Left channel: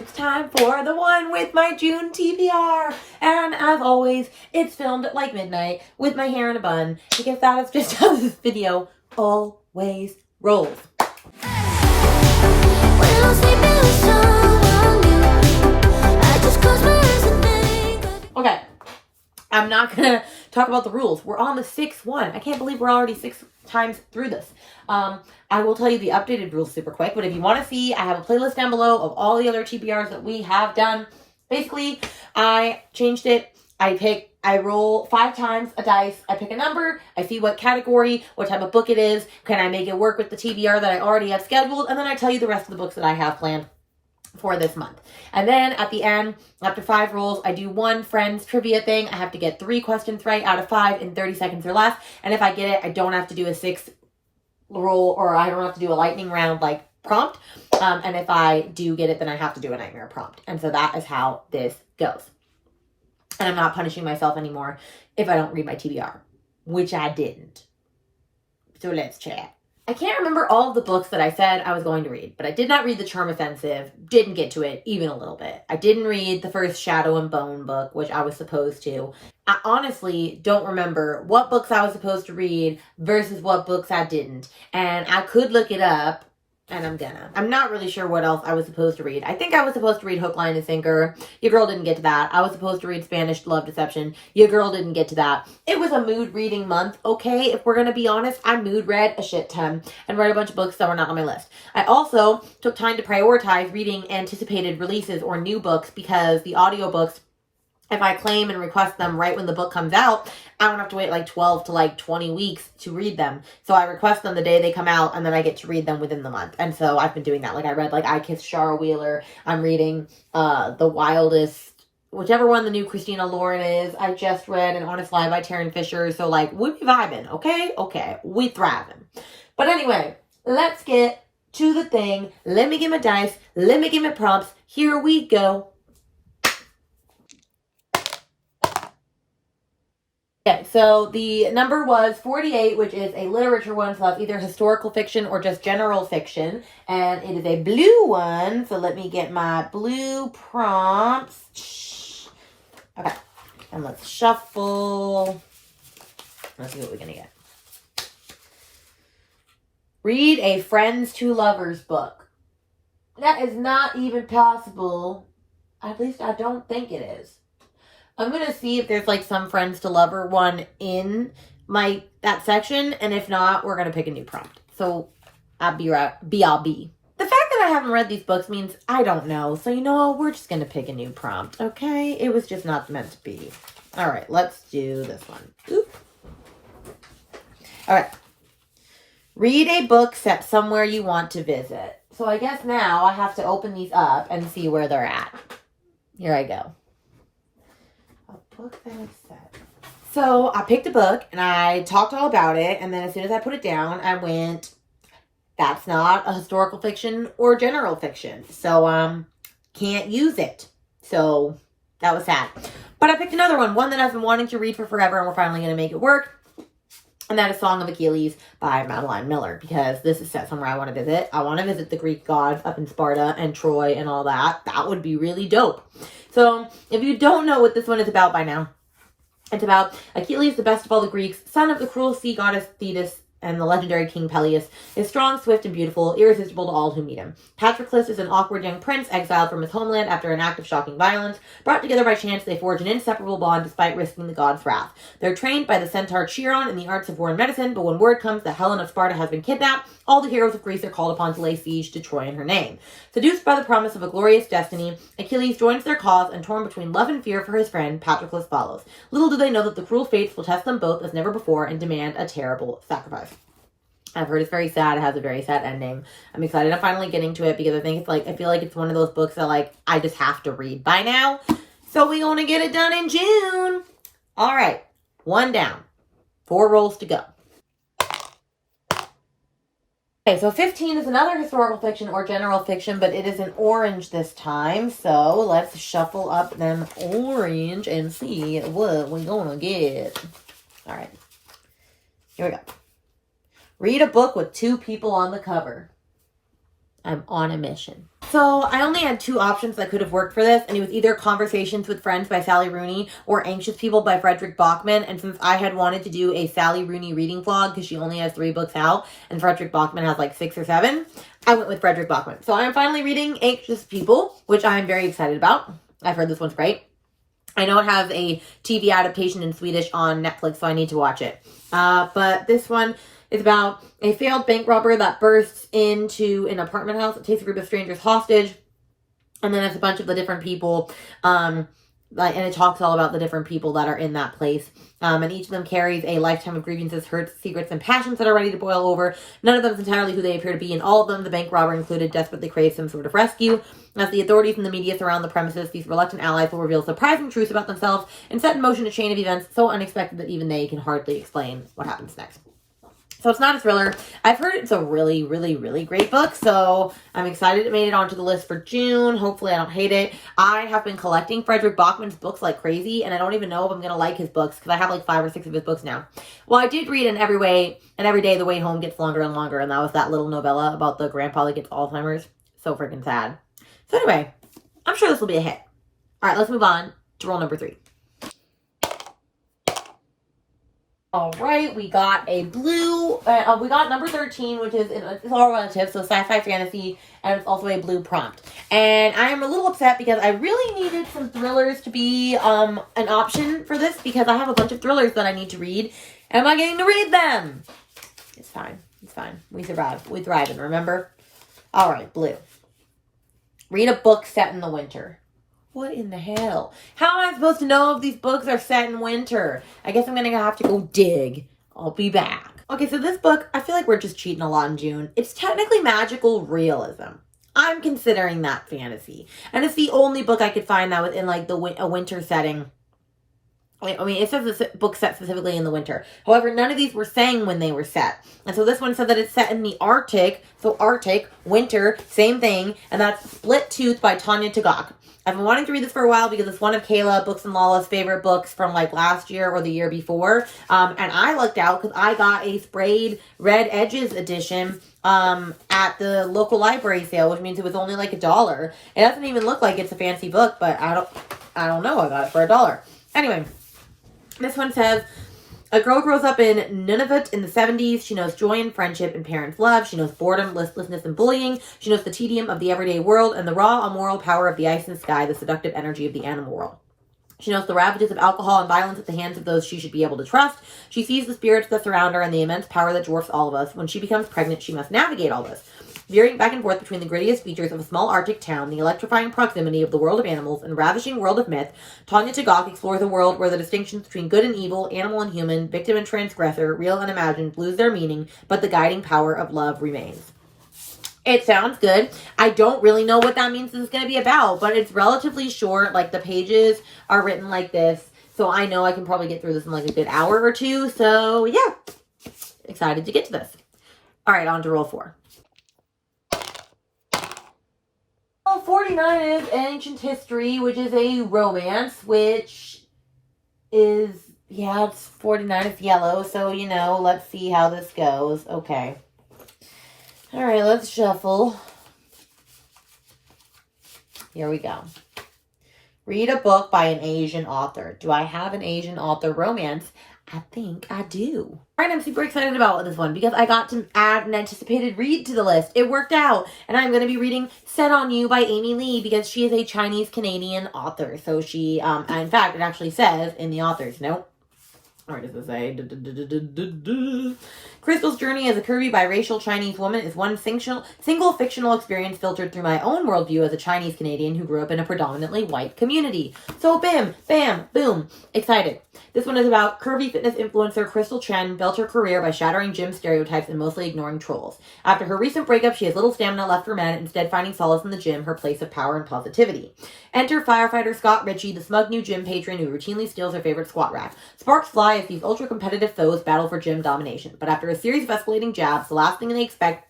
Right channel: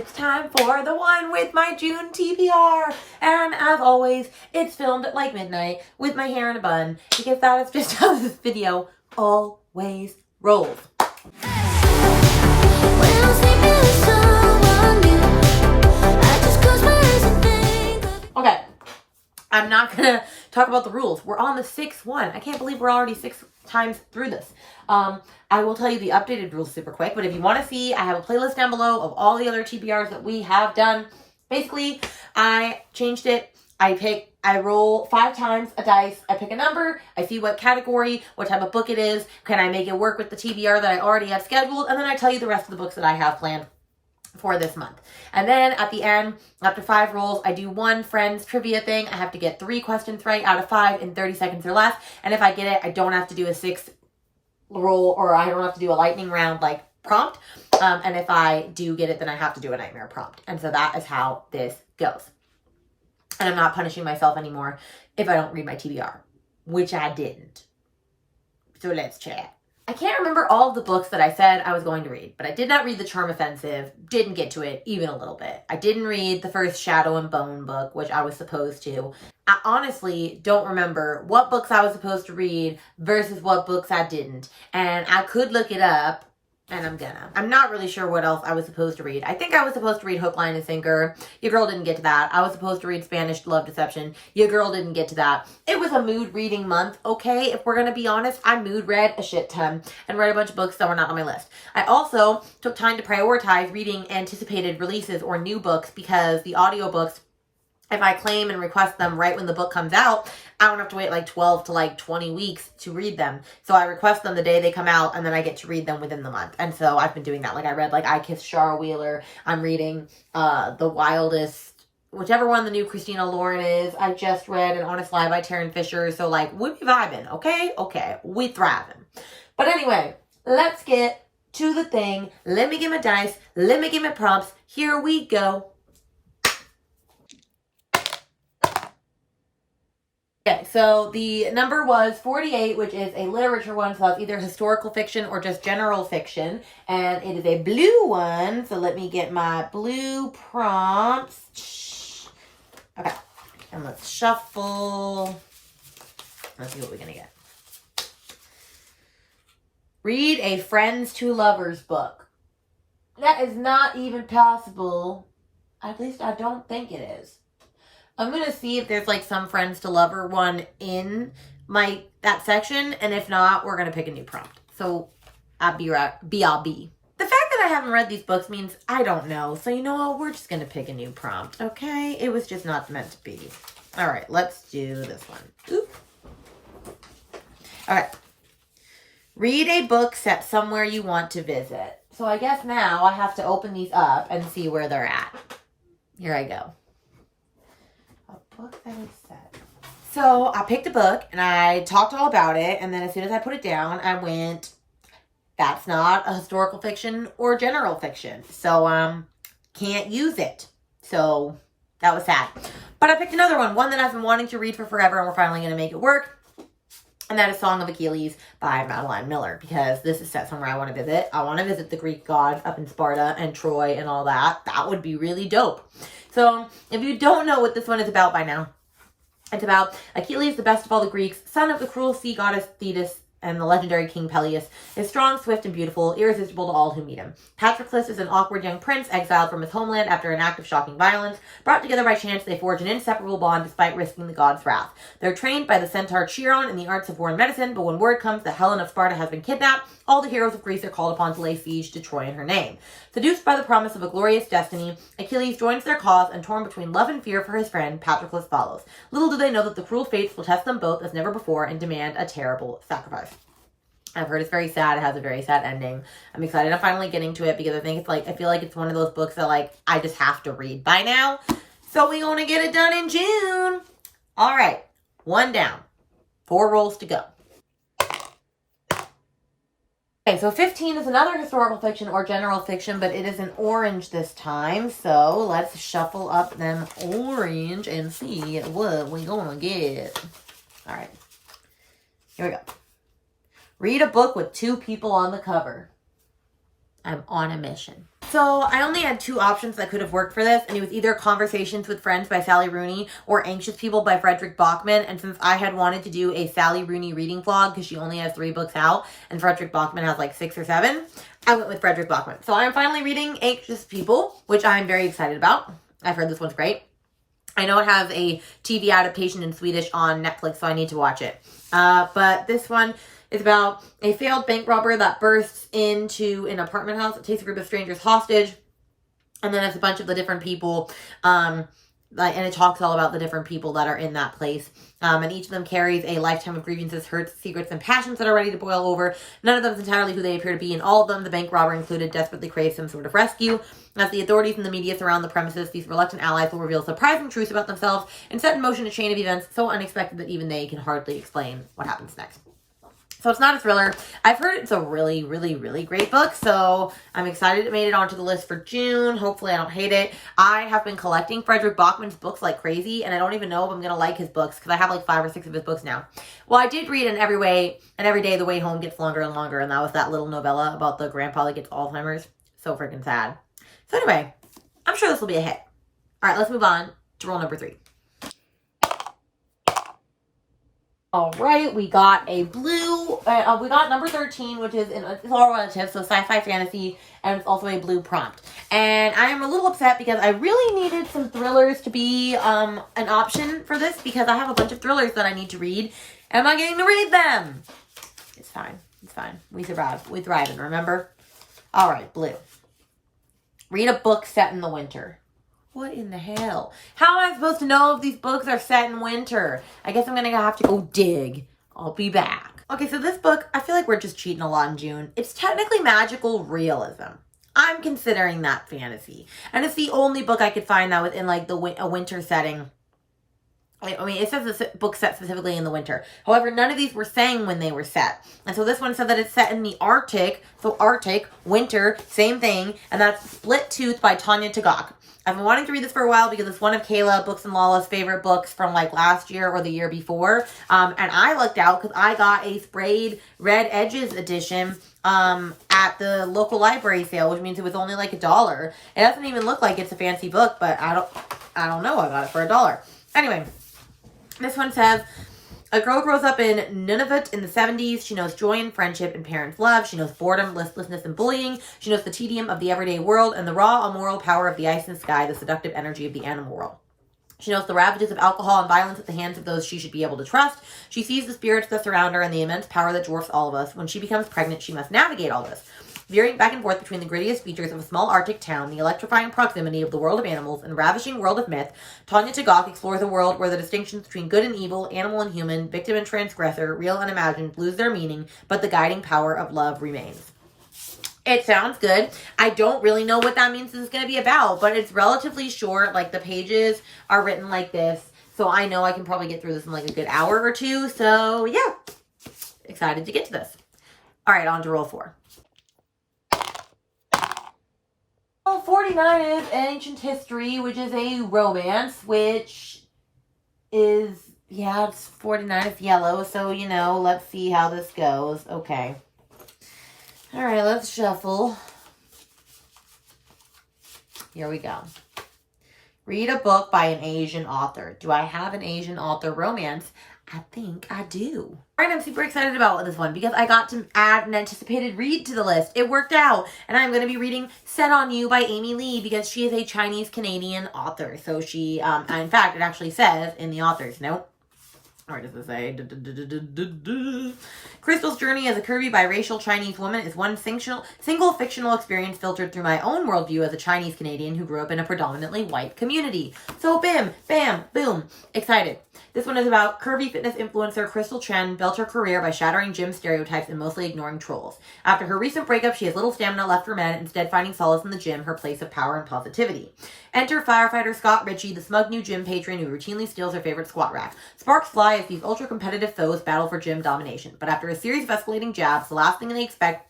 it's time for the one with my June TBR. And as always, it's filmed at like midnight with my hair in a bun because that is just how this video always rolls. Okay, I'm not gonna talk about the rules. We're on the 6th one. I can't believe we're already 6 times through this. I will tell you the updated rules super quick, but if you want to see, I have a playlist down below of all the other TBRs that we have done. Basically, I changed it. I roll 5 times a dice. I pick a number. I see what category, what type of book it is. Can I make it work with the TBR that I already have scheduled? And then I tell you the rest of the books that I have planned for this month. And then at the end, after 5 rolls, I do one friends trivia thing. I have to get 3 questions right out of 5 in 30 seconds or less. And if I get it, I don't have to do a 6th roll, or I don't have to do a lightning round like prompt. And if I do get it, then I have to do a nightmare prompt. And so that is how this goes. And I'm not punishing myself anymore if I don't read my TBR, which I didn't. So let's chat. I can't remember all of the books that I said I was going to read, but I did not read The Charm Offensive, didn't get to it even a little bit. I didn't read the first Shadow and Bone book, which I was supposed to. I honestly don't remember what books I was supposed to read versus what books I didn't. And I could look it up, and I'm not really sure what else I was supposed to read. I think I was supposed to read Hook, Line, and Sinker. Your girl didn't get to that. I was supposed to read Spanish Love Deception. Your girl didn't get to that. It was a mood reading month, okay? If we're going to be honest, I mood read a shit ton and read a bunch of books that were not on my list. I also took time to prioritize reading anticipated releases or new books because the audiobooks, if I claim and request them right when the book comes out, I don't have to wait like 12 to like 20 weeks to read them. So I request them the day they come out, and then I get to read them within the month. And so I've been doing that. Like I read like I Kissed Shara Wheeler. I'm reading The Wildest, whichever one the new Christina Lauren is. I just read An Honest Lie by Taryn Fisher. So like we be vibing, okay? Okay, we thriving. But anyway, let's get to the thing. Let me get my dice. Let me get my prompts. Here we go. Okay, so the number was 48, which is a literature one, so that's either historical fiction or just general fiction, and it is a blue one, so let me get my blue prompts. Okay, and let's shuffle. Let's see what we're gonna get. Read a friends to lovers book. That is not even possible. At least I don't think it is. I'm going to see if there's like some friends to lover one in that section. And if not, we're going to pick a new prompt. So I'll be right. I'll be. The fact that I haven't read these books means I don't know. So you know what? We're just going to pick a new prompt. Okay. It was just not meant to be. All right. Let's do this one. Oop. All right. Read a book set somewhere you want to visit. So I guess now I have to open these up and see where they're at. Here I go. Book that I said. So I picked a book and I talked all about it, and then as soon as I put it down, I went, that's not a historical fiction or general fiction, so can't use it. So that was sad. But I picked another one that I've been wanting to read for forever, and we're finally going to make it work. And that is Song of Achilles by Madeline Miller, because this is set somewhere I want to visit. I want to visit the Greek gods up in Sparta and Troy and all that. That would be really dope. So if you don't know what this one is about by now, it's about Achilles, the best of all the Greeks, son of the cruel sea goddess Thetis and the legendary King Peleus, is strong, swift, and beautiful, irresistible to all who meet him. Patroclus is an awkward young prince exiled from his homeland after an act of shocking violence. Brought together by chance, they forge an inseparable bond despite risking the gods' wrath. They're trained by the centaur Chiron in the arts of war and medicine, but when word comes that Helen of Sparta has been kidnapped, all the heroes of Greece are called upon to lay siege to Troy in her name. Seduced by the promise of a glorious destiny, Achilles joins their cause, and torn between love and fear for his friend, Patroclus follows. Little do they know that the cruel fates will test them both as never before and demand a terrible sacrifice. I've heard it's very sad. It has a very sad ending. I'm excited. I'm finally getting to it because I think I feel like it's one of those books that I just have to read by now. So we want to get it done in June. All right. 1 down. 4 rolls to go. Okay, so 15 is another historical fiction or general fiction, but it is an orange this time. So let's shuffle up them orange and see what we're gonna get. All right. Here we go. Read a book with 2 people on the cover. I'm on a mission. So I only had two options that could have worked for this, and it was either Conversations with Friends by Sally Rooney or Anxious People by Frederick Bachman. And since I had wanted to do a Sally Rooney reading vlog because she only has 3 books out and Frederick Bachman has like 6 or 7, I went with Frederick Bachman. So I'm finally reading Anxious People, which I'm very excited about. I've heard this one's great. I know it has a TV adaptation in Swedish on Netflix, so I need to watch it. But this one is about a failed bank robber that bursts into an apartment house. It takes a group of strangers hostage. And then it's a bunch of the different people. And it talks all about the different people that are in that place. And each of them carries a lifetime of grievances, hurts, secrets, and passions that are ready to boil over. None of them is entirely who they appear to be. And all of them, the bank robber included, desperately craves some sort of rescue. As the authorities and the media surround the premises, these reluctant allies will reveal surprising truths about themselves and set in motion a chain of events so unexpected that even they can hardly explain what happens next. So it's not a thriller. I've heard it's a really, really, really great book. So I'm excited it made it onto the list for June. Hopefully I don't hate it. I have been collecting Frederick Bachman's books like crazy. And I don't even know if I'm going to like his books because I have like 5 or 6 of his books now. Well, I did read Every Day the Way Home Gets Longer and Longer. And that was that little novella about the grandpa that gets Alzheimer's. So freaking sad. So anyway, I'm sure this will be a hit. All right, let's move on to rule number 3. All right, we got a blue, we got number 13, which is, it's all relative, so sci-fi fantasy, and it's also a blue prompt. And I am a little upset because I really needed some thrillers to be an option for this because I have a bunch of thrillers that I need to read, and I'm not getting to read them. It's fine. It's fine. We survive. We thrive, and remember? All right, blue. Read a book set in the winter. What in the hell? How am I supposed to know if these books are set in winter? I guess I'm going to have to go dig. I'll be back. Okay, so this book, I feel like we're just cheating a lot in June. It's technically magical realism. I'm considering that fantasy. And it's the only book I could find that was in like a winter setting. I mean, it says this book set specifically in the winter. However, none of these were saying when they were set. And so this one said that it's set in the Arctic. So Arctic, winter, same thing. And that's Split Tooth by Tanya Tagaq. I've been wanting to read this for a while because it's one of Kayla, Books and Lala's favorite books from like last year or the year before. And I lucked out because I got a sprayed red edges edition at the local library sale, which means it was only like $1. It doesn't even look like it's a fancy book, but I don't know. I got it for $1. Anyway. This one says, a girl grows up in Nunavut in the 70s. She knows joy and friendship and parents' love. She knows boredom, listlessness, and bullying. She knows the tedium of the everyday world and the raw, immoral power of the ice and sky, the seductive energy of the animal world. She knows the ravages of alcohol and violence at the hands of those she should be able to trust. She sees the spirits that surround her and the immense power that dwarfs all of us. When she becomes pregnant, she must navigate all this. Veering back and forth between the grittiest features of a small Arctic town, the electrifying proximity of the world of animals, and ravishing world of myth, Tanya Tagaq explores a world where the distinctions between good and evil, animal and human, victim and transgressor, real and imagined, lose their meaning, but the guiding power of love remains. It sounds good. I don't really know what that means this is going to be about, but it's relatively short. Like, the pages are written like this, so I know I can probably get through this in like a good hour or two. So, yeah. Excited to get to this. All right, on to roll 4. 49 is Ancient History, which is a romance, which is, yeah, it's 49, it's yellow, so, you know, let's see how this goes. Okay. All right, let's shuffle. Here we go. Read a book by an Asian author. Do I have an Asian author romance? I think I do. All right, I'm super excited about this one because I got to add an anticipated read to the list. It worked out. And I'm going to be reading Set on You by Amy Lee because she is a Chinese-Canadian author. So she, in fact, it actually says in the author's note, where does it say? Crystal's journey as a curvy biracial Chinese woman is one single fictional experience filtered through my own worldview as a Chinese Canadian who grew up in a predominantly white community. So bam, bam, boom. Excited. This one is about curvy fitness influencer Crystal Chen built her career by shattering gym stereotypes and mostly ignoring trolls. After her recent breakup, she has little stamina left for men, instead finding solace in the gym, her place of power and positivity. Enter firefighter Scott Ritchie, the smug new gym patron who routinely steals her favorite squat rack. Sparks fly as these ultra-competitive foes battle for gym domination. But after a series of escalating jabs, the last thing they expect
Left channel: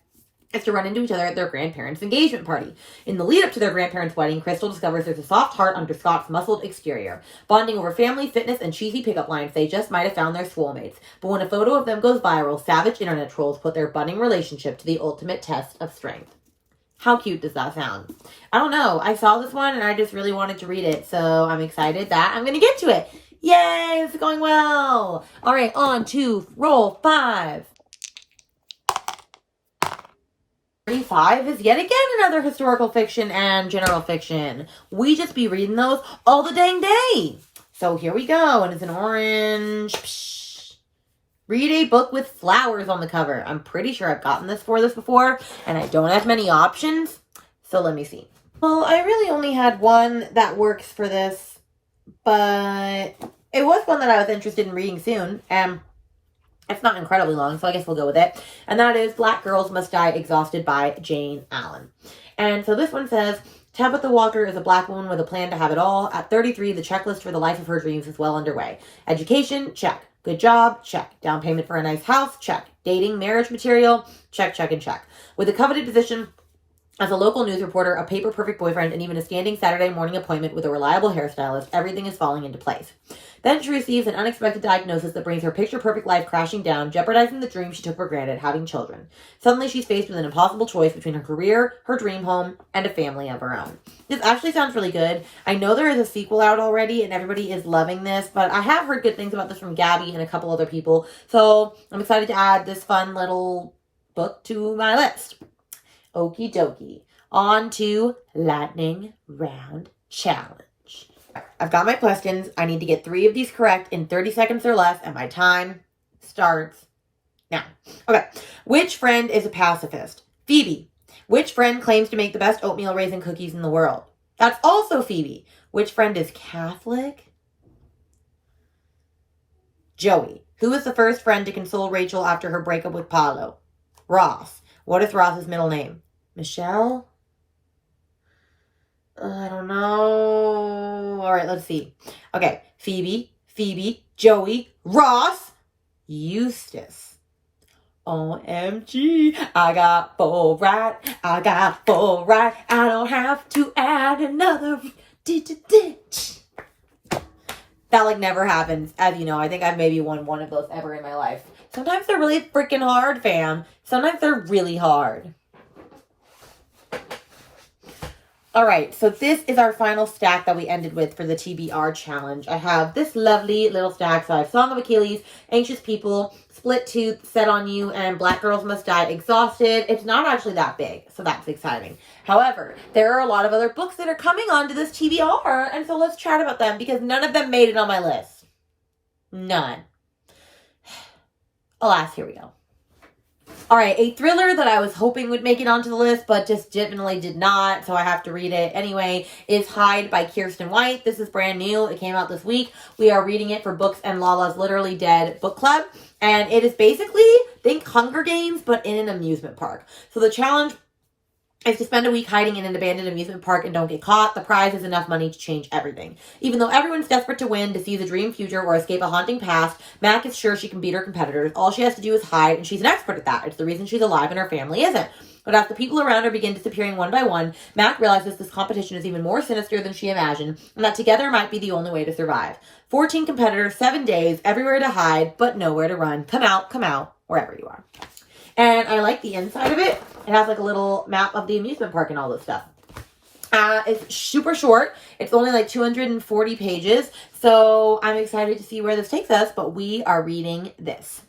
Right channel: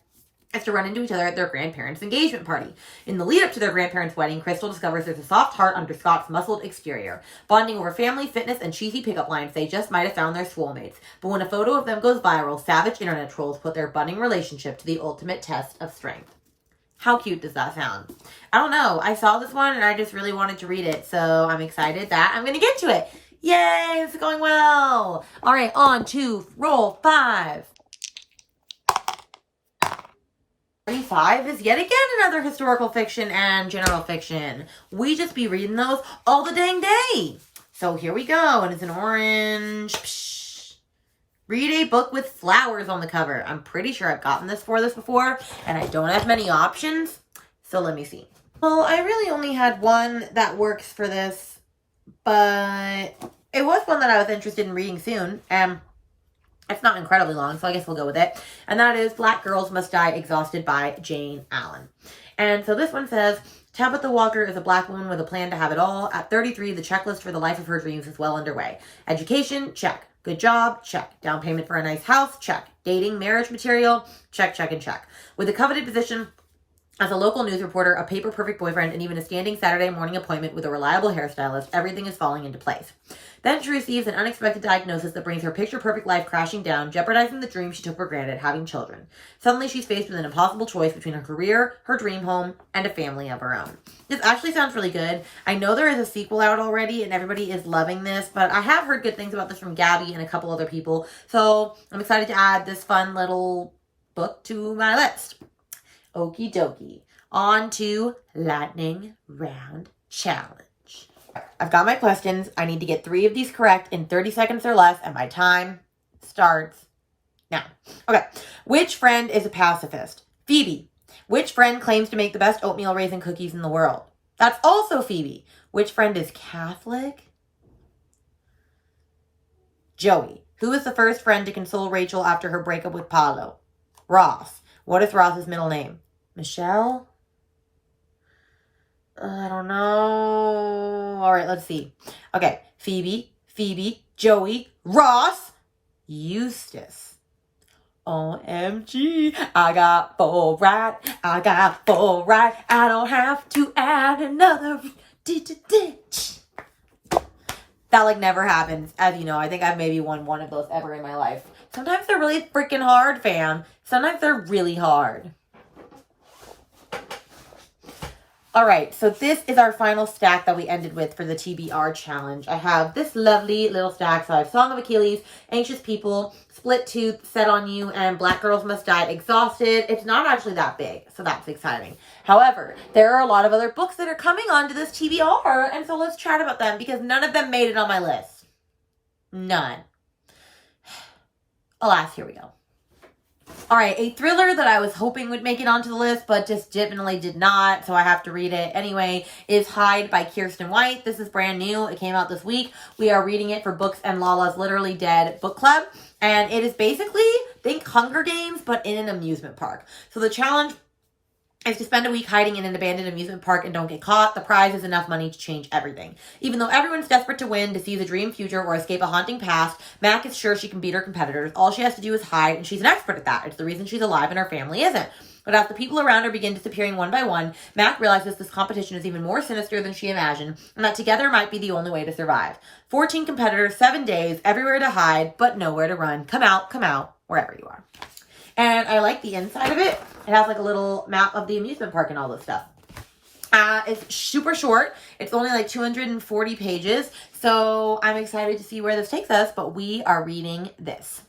is to run into each other at their grandparents' engagement party. In the lead up to their grandparents' wedding, Crystal discovers there's a soft heart under Scott's muscled exterior. Bonding over family, fitness, and cheesy pickup lines, they just might have found their soulmates. But when a photo of them goes viral, savage internet trolls put their budding relationship to the ultimate test of strength. How cute does that sound? I don't know. I saw this one and I just really wanted to read it. So I'm excited that I'm going to get to it. Yay, this is going well. All right, on to roll 5. 35 is yet again another historical fiction and general fiction. We just be reading those all the dang day. So here we go. And it's an orange. Psh. Read a book with flowers on the cover. I'm pretty sure I've gotten this before. And I don't have many options. So let me see. Well, I really only had one that works for this. But it was one that I was interested in reading soon. And it's not incredibly long, so I guess we'll go with it. And that is Black Girls Must Die Exhausted by Jane Allen. And so this one says, Tabitha Walker is a Black woman with a plan to have it all. At 33, the checklist for the life of her dreams is well underway. Education, check. Good job, check. Down payment for a nice house, check. Dating, marriage material, check, check, and check. With a coveted position as a local news reporter, a paper-perfect boyfriend, and even a standing Saturday morning appointment with a reliable hairstylist, everything is falling into place. Then she receives an unexpected diagnosis that brings her picture-perfect life crashing down, jeopardizing the dream she took for granted, having children. Suddenly, she's faced with an impossible choice between her career, her dream home, and a family of her own. This actually sounds really good. I know there is a sequel out already, and everybody is loving this, but I have heard good things about this from Gabby and a couple other people, so I'm excited to add this fun little book to my list. Okie dokie. On to Lightning Round Challenge. I've got my questions. I need to get 3 of these correct in 30 seconds or less, and my time starts now. Okay. Which friend is a pacifist? Phoebe. Which friend claims to make the best oatmeal raisin cookies in the world? That's also Phoebe. Which friend is Catholic? Joey. Who is the first friend to console Rachel after her breakup with Paulo? Ross. What is Ross's middle name? Michelle? I don't know. All right, let's see. Okay, Phoebe, Joey, Ross, Eustace. OMG, I got 4 right. I don't have to add another ditch. That like never happens. As you know, I think I've maybe won one of those ever in my life. Sometimes they're really freaking hard, fam. Sometimes they're really hard. All right, so this is our final stack that we ended with for the TBR challenge. I have this lovely little stack. So I have Song of Achilles, Anxious People, Split Tooth, Set on You, and Black Girls Must Die Exhausted. It's not actually that big, so that's exciting. However, there are a lot of other books that are coming onto this TBR, and so let's chat about them because none of them made it on my list. None. Alas, here we go. All right, a thriller that I was hoping would make it onto the list, but just definitely did not, so I have to read it anyway, is Hide by Kirsten White. This is brand new. It came out this week. We are reading it for Books and Lala's Literally Dead book club, and it is basically, think Hunger Games, but in an amusement park. So the challenge is to spend a week hiding in an abandoned amusement park and don't get caught. The prize is enough money to change everything. Even though everyone's desperate to win, to see the dream future, or escape a haunting past, Mac is sure she can beat her competitors. All she has to do is hide, and she's an expert at that. It's the reason she's alive and her family isn't. But as the people around her begin disappearing one by one, Mac realizes this competition is even more sinister than she imagined, and that together might be the only way to survive. 14 competitors, 7 days, everywhere to hide, but nowhere to run. Come out, wherever you are. And I like the inside of it. It has like a little map of the amusement park and all this stuff. It's super short. It's only like 240 pages. So I'm excited to see where this takes us. But we are reading this.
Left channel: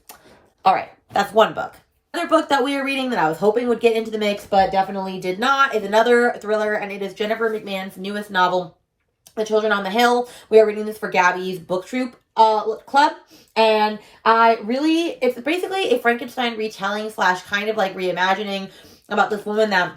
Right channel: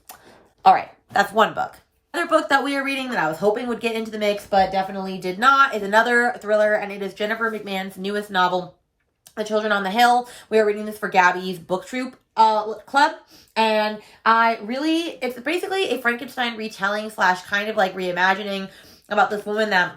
All right. That's one book. Another book that we are reading that I was hoping would get into the mix, but definitely did not, is another thriller. And it is Jennifer McMahon's newest novel, The Children on the Hill. We are reading this for Gabby's book troop club, and it's basically a Frankenstein retelling / kind of like reimagining about this woman that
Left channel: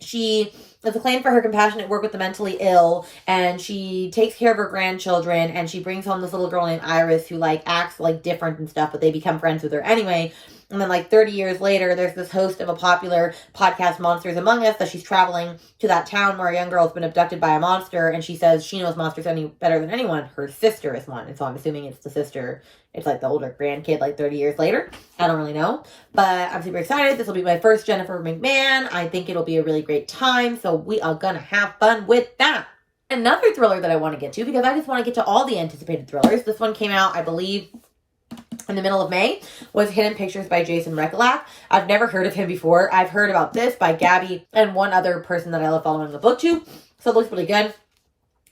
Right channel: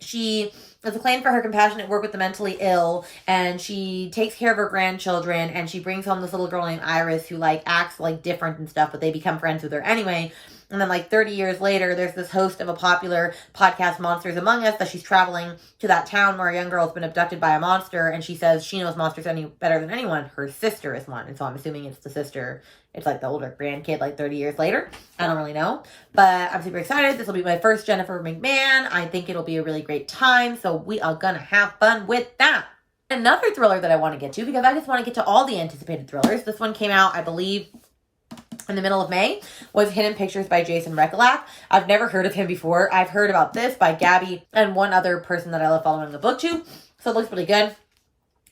she is acclaimed for her compassionate work with the mentally ill, and she takes care of her grandchildren, and she brings home this little girl named Iris who like acts like different and stuff, but they become friends with her anyway. And then like 30 years later, there's this host of a popular podcast, Monsters Among Us, that she's traveling to that town where a young girl has been abducted by a monster. And she says she knows monsters any better than anyone. Her sister is one. And so I'm assuming it's the sister. It's like the older grandkid, like 30 years later. I don't really know. But I'm super excited. This will be my first Jennifer McMahon. I think it'll be a really great time. So we are going to have fun with that. Another thriller that I want to get to, because I just want to get to all the anticipated thrillers. This one came out, I believe, in the middle of May was Hidden Pictures by Jason Rekulak. I've never heard of him before. I've heard about this by Gabby and one other person that I love following the book to. So it looks pretty good.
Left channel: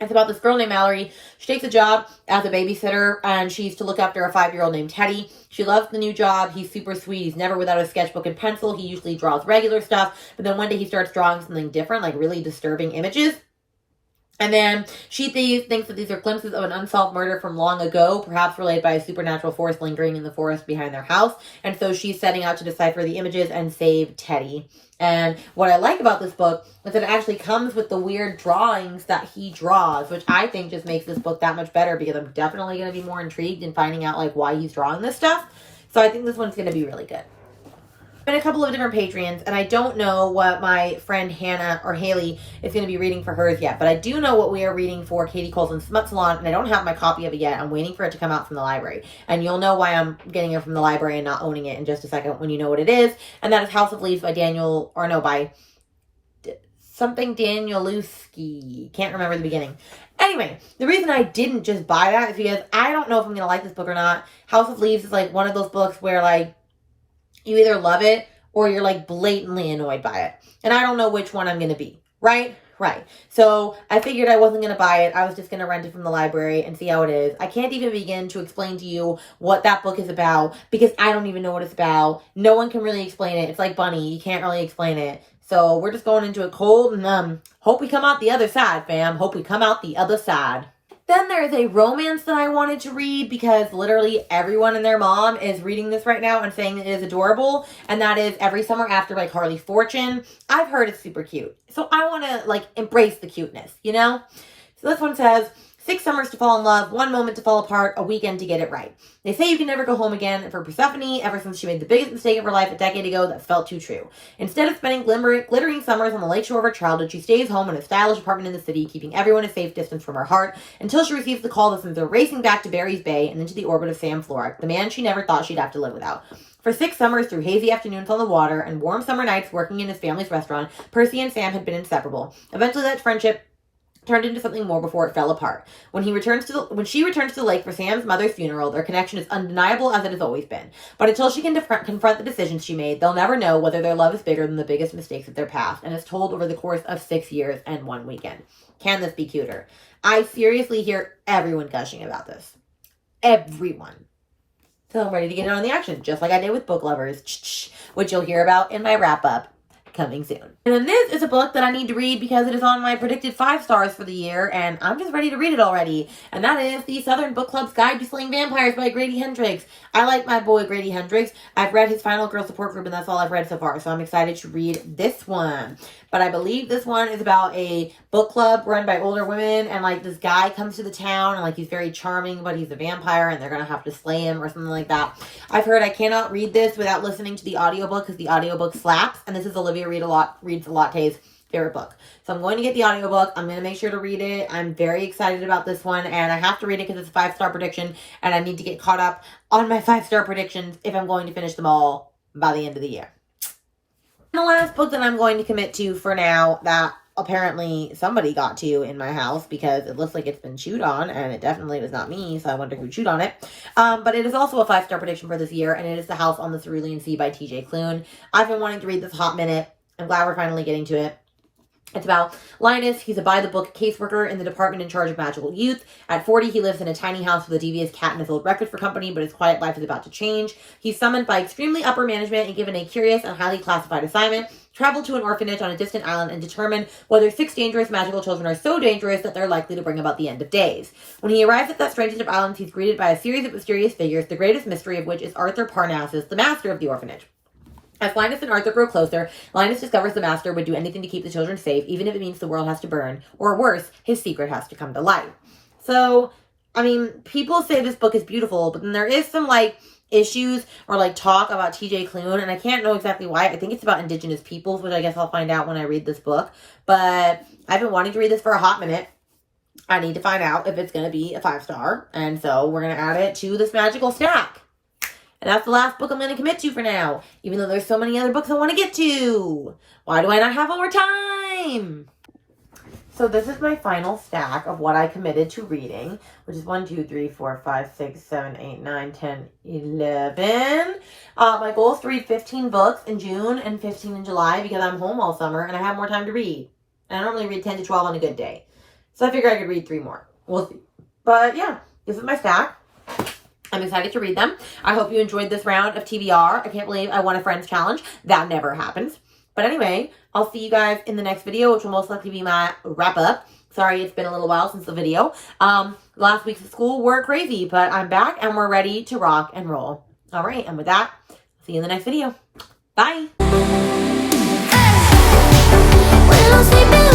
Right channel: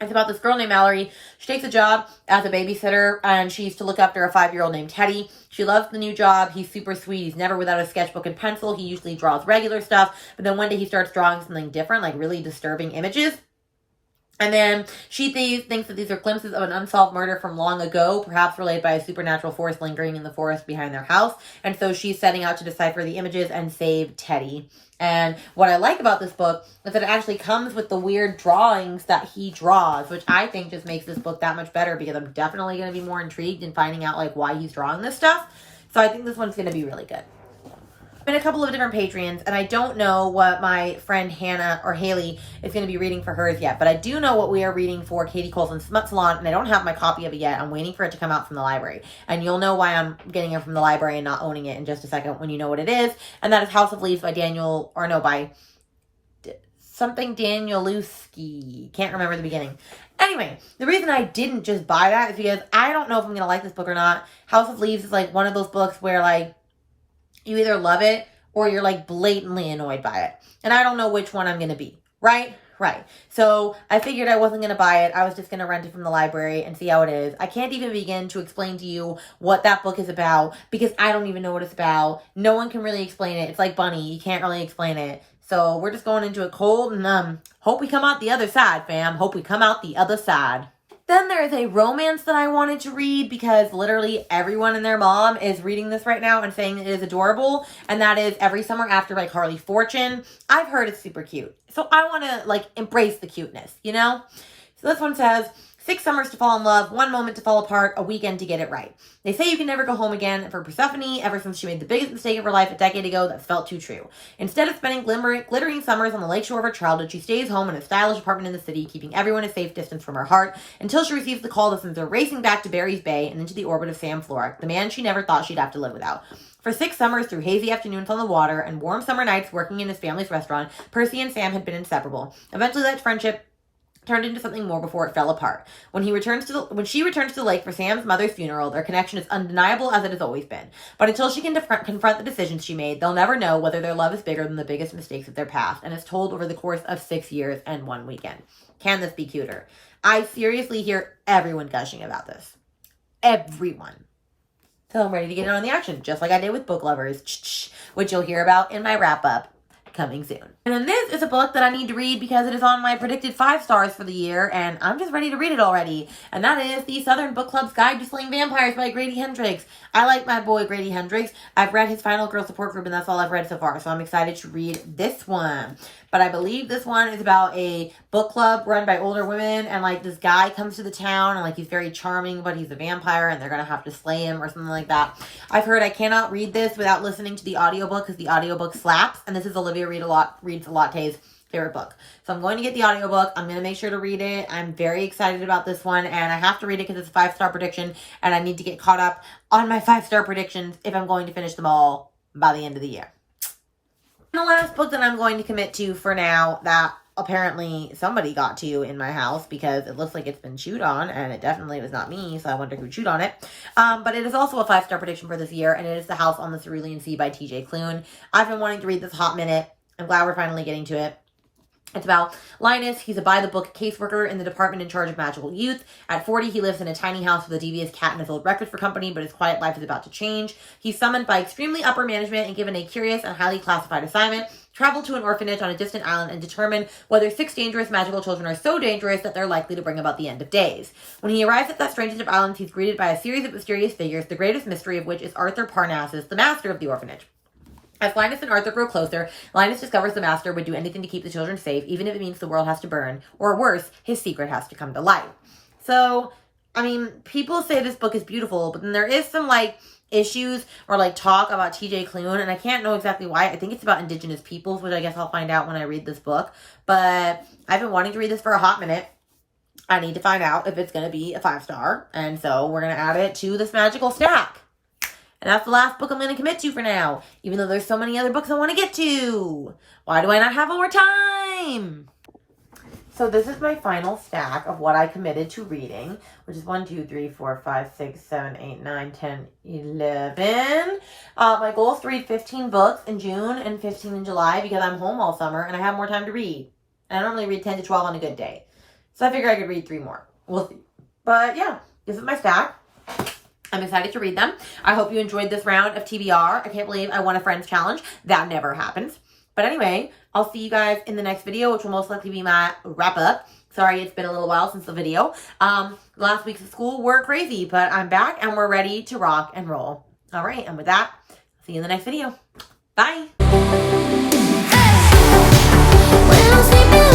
It's about this girl named Mallory. She takes a job as a babysitter, and she's to look after a 5-year-old named Teddy. She loves the new job. He's super sweet. He's never without a sketchbook and pencil. He usually draws regular stuff, but then one day he starts drawing something different, like really disturbing images. And then she thinks that these are glimpses of an unsolved murder from long ago, perhaps related by a supernatural force lingering in the forest behind their house. And so she's setting out to decipher the images and save Teddy. And what I like about this book is that it actually comes with the weird drawings that he draws, which I think just makes this book that much better, because I'm definitely going to be more intrigued in finding out like why he's drawing this stuff. So I think this one's going to be really good. In a couple of different Patreons, and I don't know what my friend Hannah or Haley is going to be reading for hers yet, but I do know what we are reading for Katie Colson's Smut Salon, and I don't have my copy of it yet. I'm waiting for it to come out from the library, and you'll know why I'm getting it from the library and not owning it in just a second when you know what it is, and that is House of Leaves by by something Danielewski. Can't remember the beginning. Anyway, the reason I didn't just buy that is because I don't know if I'm going to like this book or not. House of Leaves is like one of those books where like you either love it or you're like blatantly annoyed by it. And I don't know which one I'm going to be. Right? Right. So I figured I wasn't going to buy it. I was just going to rent it from the library and see how it is. I can't even begin to explain to you what that book is about because I don't even know what it's about. No one can really explain it. It's like Bunny. You can't really explain it. So we're just going into it cold and hope we come out the other side, fam. Hope we come out the other side. Then there's a romance that I wanted to read because literally everyone and their mom is reading this right now and saying it is adorable. And that is Every Summer After by Carly Fortune. I've heard it's super cute. So I want to like embrace the cuteness, you know? So this one says, 6 summers to fall in love, 1 moment to fall apart, a weekend to get it right. They say you can never go home again, and for Persephone, ever since she made the biggest mistake of her life a decade ago, that felt too true. Instead of spending glittering summers on the lakeshore of her childhood, she stays home in a stylish apartment in the city, keeping everyone a safe distance from her heart, until she receives the call that sends her racing back to Barry's Bay and into the orbit of Sam Florek, the man she never thought she'd have to live without. For 6 summers through hazy afternoons on the water and warm summer nights working in his family's restaurant, Percy and Sam had been inseparable. Eventually that friendship turned into something more before it fell apart. When she returns to the lake for Sam's mother's funeral, their connection is undeniable as it has always been. But until she can confront the decisions she made, they'll never know whether their love is bigger than the biggest mistakes of their past, and is told over the course of 6 years and 1 weekend. Can this be cuter? I seriously hear everyone gushing about this. Everyone. So I'm ready to get in on the action, just like I did with Book Lovers, which you'll hear about in my wrap-up. Coming soon. And then this is a book that I need to read because it is on my predicted 5 stars for the year, and I'm just ready to read it already. And that is The Southern Book Club's Guide to Slaying Vampires by Grady Hendrix. I like my boy Grady Hendrix. I've read his Final Girl Support Group, and that's all I've read so far, so I'm excited to read this one. But I believe this one is about a book club run by older women, and like this guy comes to the town, and like he's very charming, but he's a vampire, and they're gonna have to slay him or something like that. I've heard I cannot read this without listening to the audiobook because the audiobook slaps, and this is Olivia Reads a Latte's favorite book. So I'm going to get the audiobook. I'm going to make sure to read it. I'm very excited about this one, and I have to read it because it's a 5-star prediction, and I need to get caught up on my 5-star predictions if I'm going to finish them all by the end of the year. The last book that I'm going to commit to for now that apparently somebody got to in my house because it looks like it's been chewed on, and it definitely was not me, so I wonder who chewed on it. But it is also a 5-star prediction for this year, and it is The House on the Cerulean Sea by TJ Klune. I've been wanting to read this a hot minute. I'm glad we're finally getting to it. It's about Linus. He's a by-the-book caseworker in the department in charge of magical youth. At 40, he lives in a tiny house with a devious cat and his old record for company, but his quiet life is about to change. He's summoned by extremely upper management and given a curious and highly classified assignment: travel to an orphanage on a distant island and determine whether 6 dangerous magical children are so dangerous that they're likely to bring about the end of days. When he arrives at that strangest of islands, he's greeted by a series of mysterious figures, the greatest mystery of which is Arthur Parnassus, the master of the orphanage. As Linus and Arthur grow closer, Linus discovers the master would do anything to keep the children safe, even if it means the world has to burn, or worse, his secret has to come to light. So, I mean, people say this book is beautiful, but then there is some, issues or, talk about TJ Klune, and I can't know exactly why. I think it's about indigenous peoples, which I guess I'll find out when I read this book. But I've been wanting to read this for a hot minute. I need to find out if it's going to be a 5-star, and so we're going to add it to this magical stack. And that's the last book I'm going to commit to for now, even though there's so many other books I want to get to. Why do I not have more time? So this is my final stack of what I committed to reading, which is 1, 2, 3, 4, 5, 6, 7, 8, 9, 10, 11. My goal is to read 15 books in June and 15 in July because I'm home all summer and I have more time to read. And I normally read 10 to 12 on a good day. So I figure I could read 3 more. We'll see. But yeah, this is my stack. I'm excited to read them. I hope you enjoyed this round of TBR. I can't believe I won a friends challenge. That never happens. But anyway, I'll see you guys in the next video, which will most likely be my wrap up. Sorry, it's been a little while since the video. Last weeks of school were crazy, but I'm back and we're ready to rock and roll. All right, and with that, see you in the next video. Bye. Hey.